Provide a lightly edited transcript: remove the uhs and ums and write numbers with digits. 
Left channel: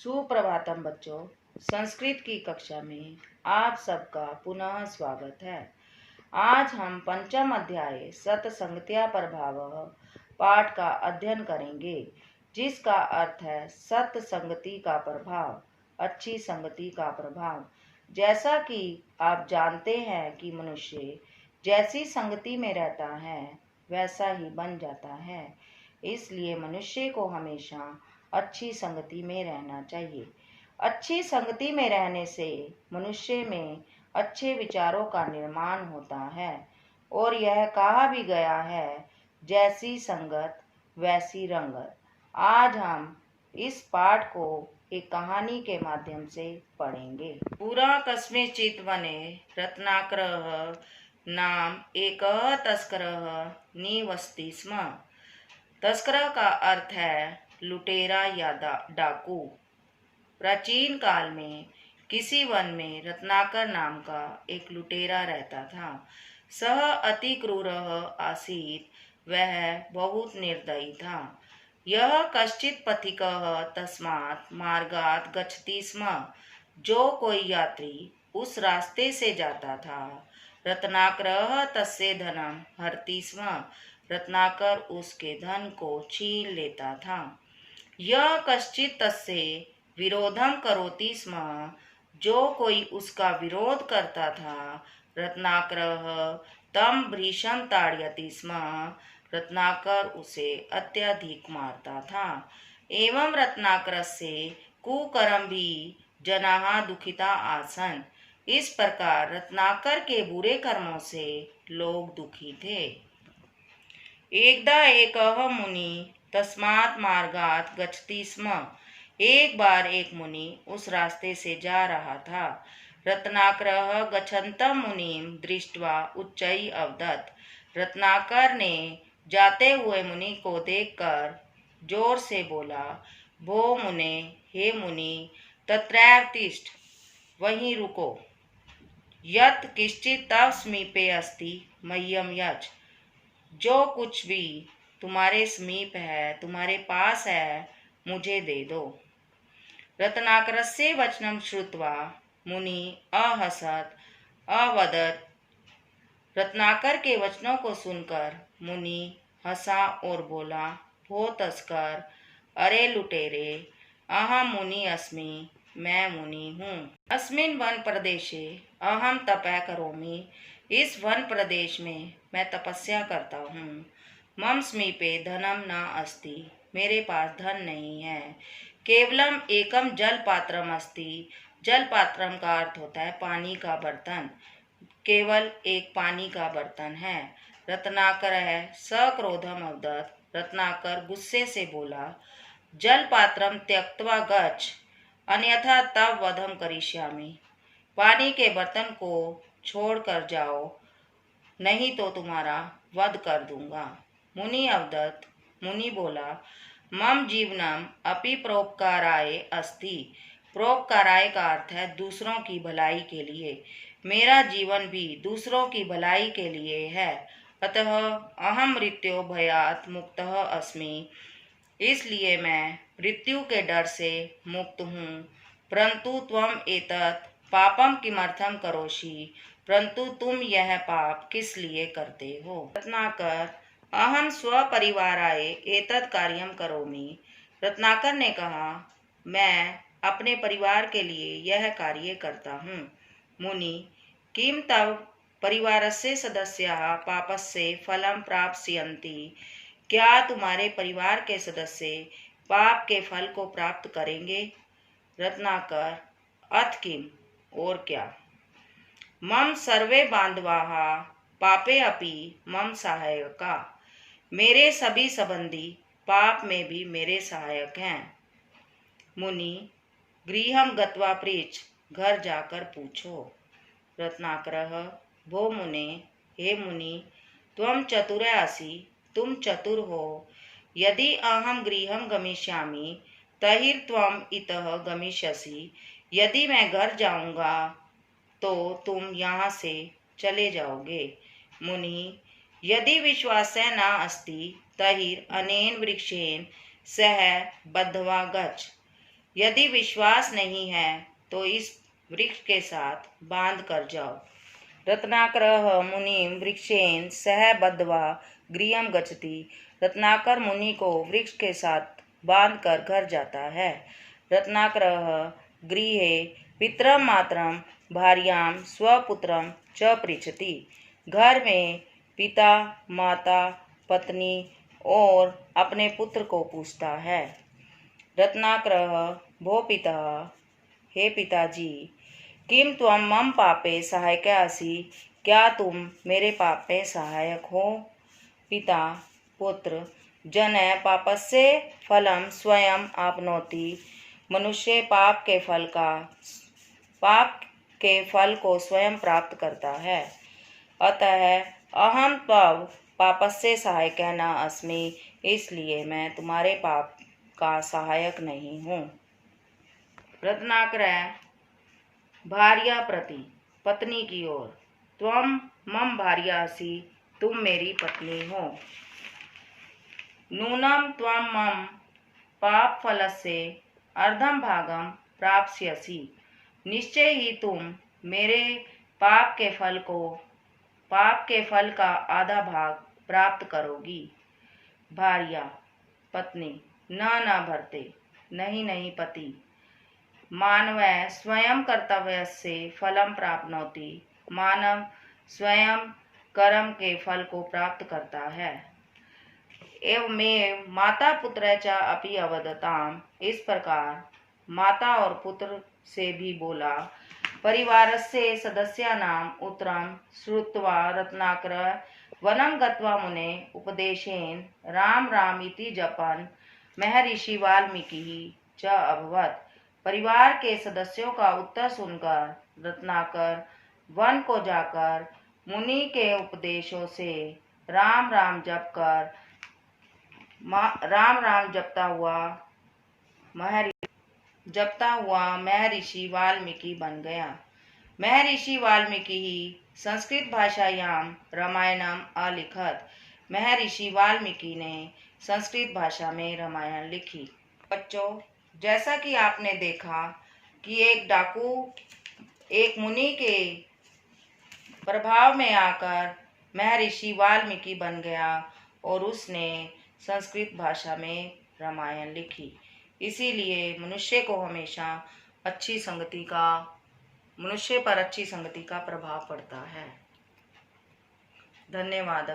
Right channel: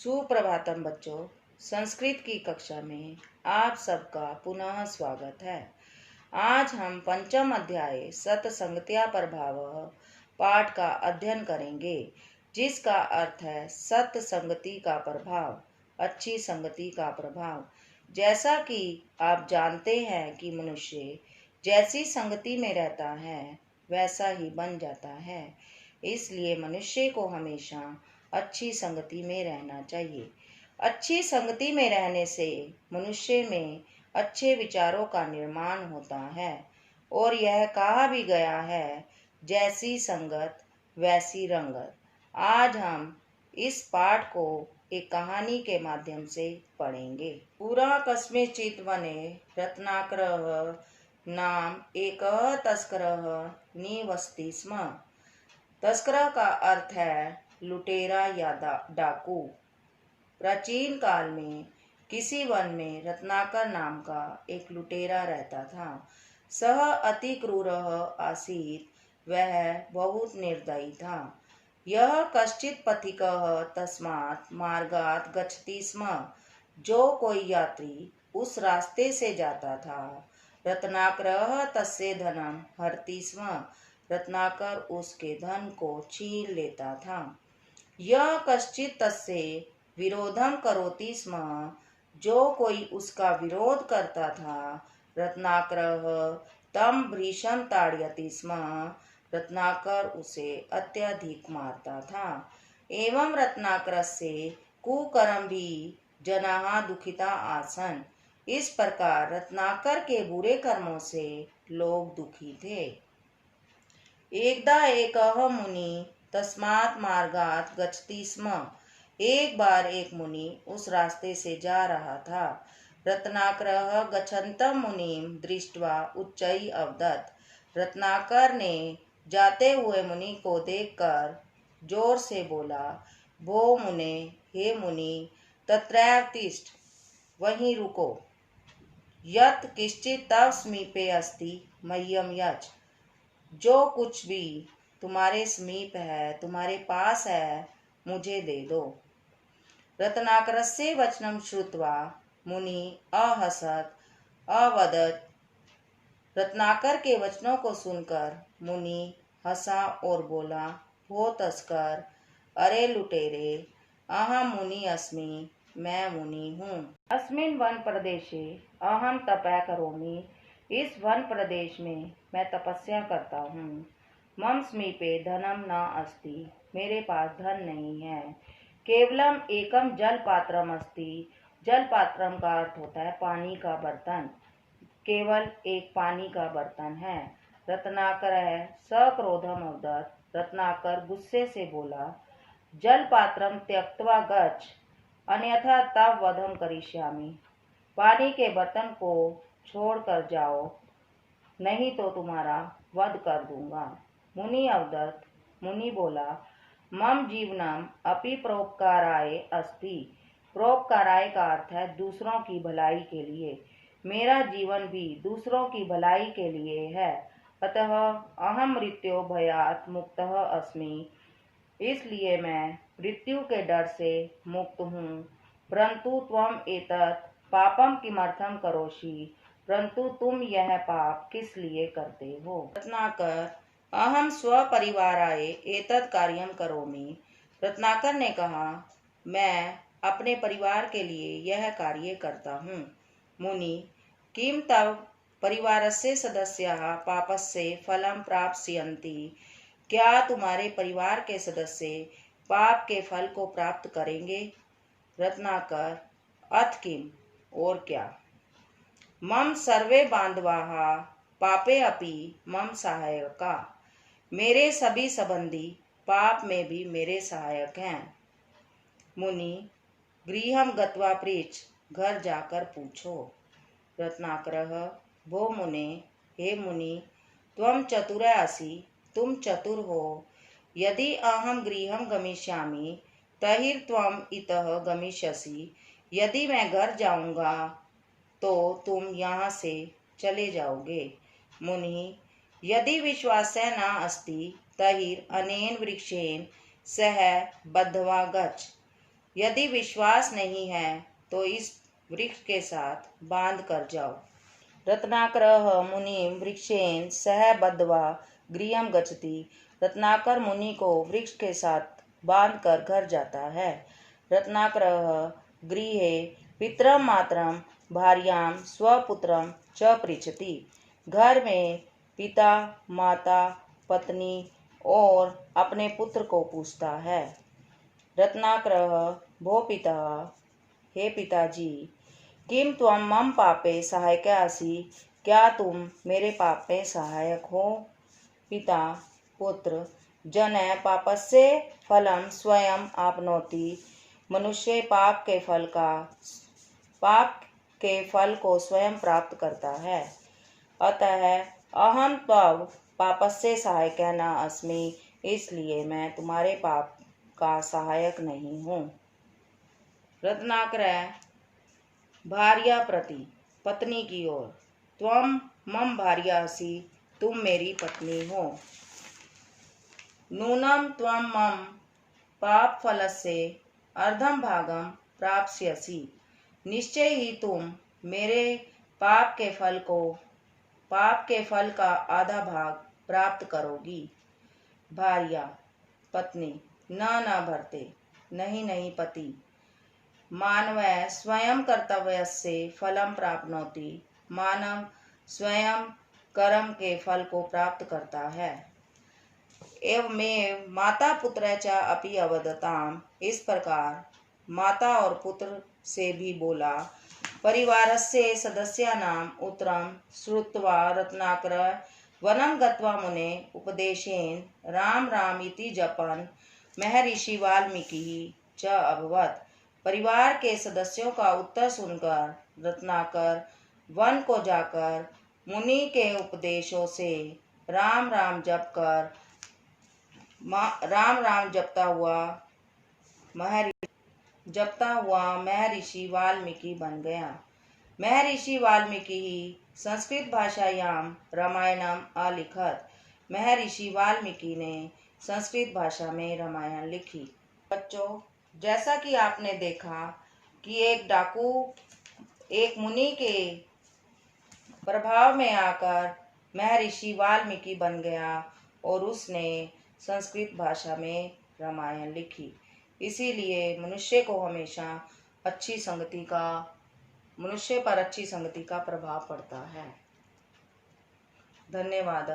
सुप्रभातम बच्चों। संस्कृत की कक्षा में आप सबका पुनः स्वागत है। आज हम पंचम अध्याय सत्संगत्या प्रभावः पाठ का अध्ययन करेंगे, जिसका अर्थ है सत्संगति का प्रभाव, अच्छी संगति का प्रभाव। जैसा कि आप जानते हैं कि मनुष्य जैसी संगति में रहता है वैसा ही बन जाता है, इसलिए मनुष्य को हमेशा अच्छी संगति में रहना चाहिए। अच्छी संगति में रहने से मनुष्य में अच्छे विचारों का निर्माण होता है और यह कहा भी गया है, जैसी संगत वैसी रंगत। आज हम इस पाठ को एक कहानी के माध्यम से पढ़ेंगे। पुरा कस्मिंश्चित् वने रत्नाकरः नाम एकः तस्करः निवसति स्म। तस्कर का अर्थ है लुटेरा या डाकू। प्राचीन काल में किसी वन में रत्नाकर नाम का एक लुटेरा रहता था। सह अति क्रूरः आसीत्, वह बहुत निर्दयी था। यह कश्चित् पथिकः तस्मात् मार्गात् गच्छति स्म। जो कोई यात्री उस रास्ते से जाता था, रत्नाकरः तस्य धनं हरति स्म। रत्नाकर उसके धन को छीन लेता था। यह कश्चित् तस्य विरोधम करोति स्म। जो कोई उसका विरोध करता था, रत्नाकरः तम भृशं ताड़यति स्म। रत्नाकर उसे अत्यधिक मारता था। एवं रत्नाकरस्य कुकर्म भी जनाः दुखिता आसन्। इस प्रकार रत्नाकर के बुरे कर्मों से लोग दुखी थे। एकदा एकः मुनि तस्मात् मार्गात् गच्छति स्म। एक बार एक मुनि उस रास्ते से जा रहा था। रत्नाकरः गच्छन्तं मुनिं दृष्ट्वा उच्चैः अवदत्। रत्नाकर ने जाते हुए मुनि को देखकर जोर से बोला, भो मुने, हे मुनि, तत्रैव तिष्ठ, वहीं रुको। यत् किंचित् तव समीपे अस्ति मह्यं यच्छ। जो कुछ भी तुम्हारे समीप है, तुम्हारे पास है, मुझे दे दो। रत्नाकरस्य वचनं श्रुत्वा मुनि अहसत् अवदत्। रत्नाकर के वचनों को सुनकर मुनि हंसा और बोला, भो तस्कर, अरे लुटेरे, अहम मुनि अस्मि, मैं मुनि हूँ। अस्मिन् वन प्रदेशे अहम तपः करोमि। इस वन प्रदेश में मैं तपस्या करता हूँ। मम समीपे धनम न अस्ति, मेरे पास धन नहीं है। केवलम एकम जल पात्रम अस्ति। जल पात्रम का अर्थ होता है पानी का बर्तन। केवल एक पानी का बर्तन है। रत्नाकर है सक्रोधम अवदत्। रत्नाकर गुस्से से बोला, जल पात्रम त्यक्त्वा गच्छ, अन्यथा तव वधम करिष्यामि। पानी के बर्तन को छोड़कर जाओ, नहीं तो तुम्हारा वध कर दूंगा। मुनि अवदत्। मुनि बोला, मम जीवनम अपि परोपकाराय अस्ति। परोपकाराय का अर्थ है दूसरों की भलाई के लिए। मेरा जीवन भी दूसरों की भलाई के लिए है। अतः अहम मृत्यो भयात् मुक्तः अस्मि। इसलिए मैं मृत्यु के डर से मुक्त हूँ। परंतु त्वम एतत् पापम किमर्थम करोषि। परंतु तुम यह पाप किस लिए करते हो। रत्नाकर, अहम स्वपरिवाराय एतत् कार्यम करोमि। रत्नाकर ने कहा, मैं अपने परिवार के लिए यह कार्य करता हूँ। मुनि, किम तव परिवारस्य सदस्याः पापस्य फलं प्राप्स्यन्ति। क्या तुम्हारे परिवार के सदस्य पाप के फल को प्राप्त करेंगे। रत्नाकर, अथ किम, और क्या। मम सर्वे बांधवाः पापे अपि मम सहायका। मेरे सभी संबंधी पाप में भी मेरे सहायक हैं। मुनि, गृहं गत्वा पृच्छ, घर जाकर पूछो। रत्नाकरः, भो मुने, हे मुनि, त्वं चतुरः असि, तुम चतुर हो। यदि अहम गृहं गमिष्यामि तर्हि त्वम् इतः गमिष्यसि। यदि मैं घर जाऊंगा तो तुम यहाँ से चले जाओगे। मुनि, यदि विश्वासः न अस्ति तर्हि अनेन वृक्षेण सह बद्ध्वा गच्छ। यदि विश्वास नहीं है तो इस वृक्ष के साथ बांध कर जाओ। रत्नाकर मुनिम वृक्षेन सह बद्ध्वा गृहं गच्छति। रत्नाकर मुनि को वृक्ष के साथ बांधकर घर जाता है। रत्नाकर गृहे पितरम मातरम भार्यां स्वपुत्रम च पृच्छति। घर में पिता, माता, पत्नी और अपने पुत्र को पूछता है। रत्नाकर भो पिता, हे पिताजी, किम त्वं मम पापे सहायक असि। क्या तुम मेरे पाप में सहायक हो। पिता पुत्र, जन पापस्य फलम स्वयं आपनोति। मनुष्य पाप के फल को स्वयं प्राप्त करता है। अतः अहम तव पापस्य सहायक न अस्मि। इसलिए मैं तुम्हारे पाप का सहायक नहीं हूँ। रत्नाकर भार्या प्रति, पत्नी की ओर, त्वं मम भार्या असि। तुम मेरी पत्नी हो। नूनं त्वं मम पाप फलस्य अर्धं भागं प्राप्स्यसि। निश्चय ही तुम मेरे पाप के फल का आधा भाग प्राप्त करोगी। भार्या पत्नी, न भरते, नहीं पति। मानव स्वयं कर्तव्यस्य फलं प्राप्नोति। मानव स्वयं कर्म के फल को प्राप्त करता है। एवमेव माता पुत्र च अपि अवदताम्। इस प्रकार माता और पुत्र से भी बोला। परिवारस्य सदस्यानाम् उत्तरं श्रुत्वा रत्नाकर वनं गत्वा मुने उपदेशेन राम इति जपन् महर्षि वाल्मीकि च अभवत्। परिवार के सदस्यों का उत्तर सुनकर रत्नाकर वन को जाकर मुनि के उपदेशों से राम जपता हुआ महर्षि वाल्मीकि बन गया। महर्षि वाल्मीकि ही संस्कृत भाषायां रामायणम अलिखत। महर्षि वाल्मीकि ने संस्कृत भाषा में रामायण लिखी। बच्चों, जैसा कि आपने देखा कि एक डाकू एक मुनि के प्रभाव में आकर महर्षि वाल्मीकि बन गया और उसने संस्कृत भाषा में रामायण लिखी। इसीलिए मनुष्य पर अच्छी संगति का प्रभाव पड़ता है। धन्यवाद।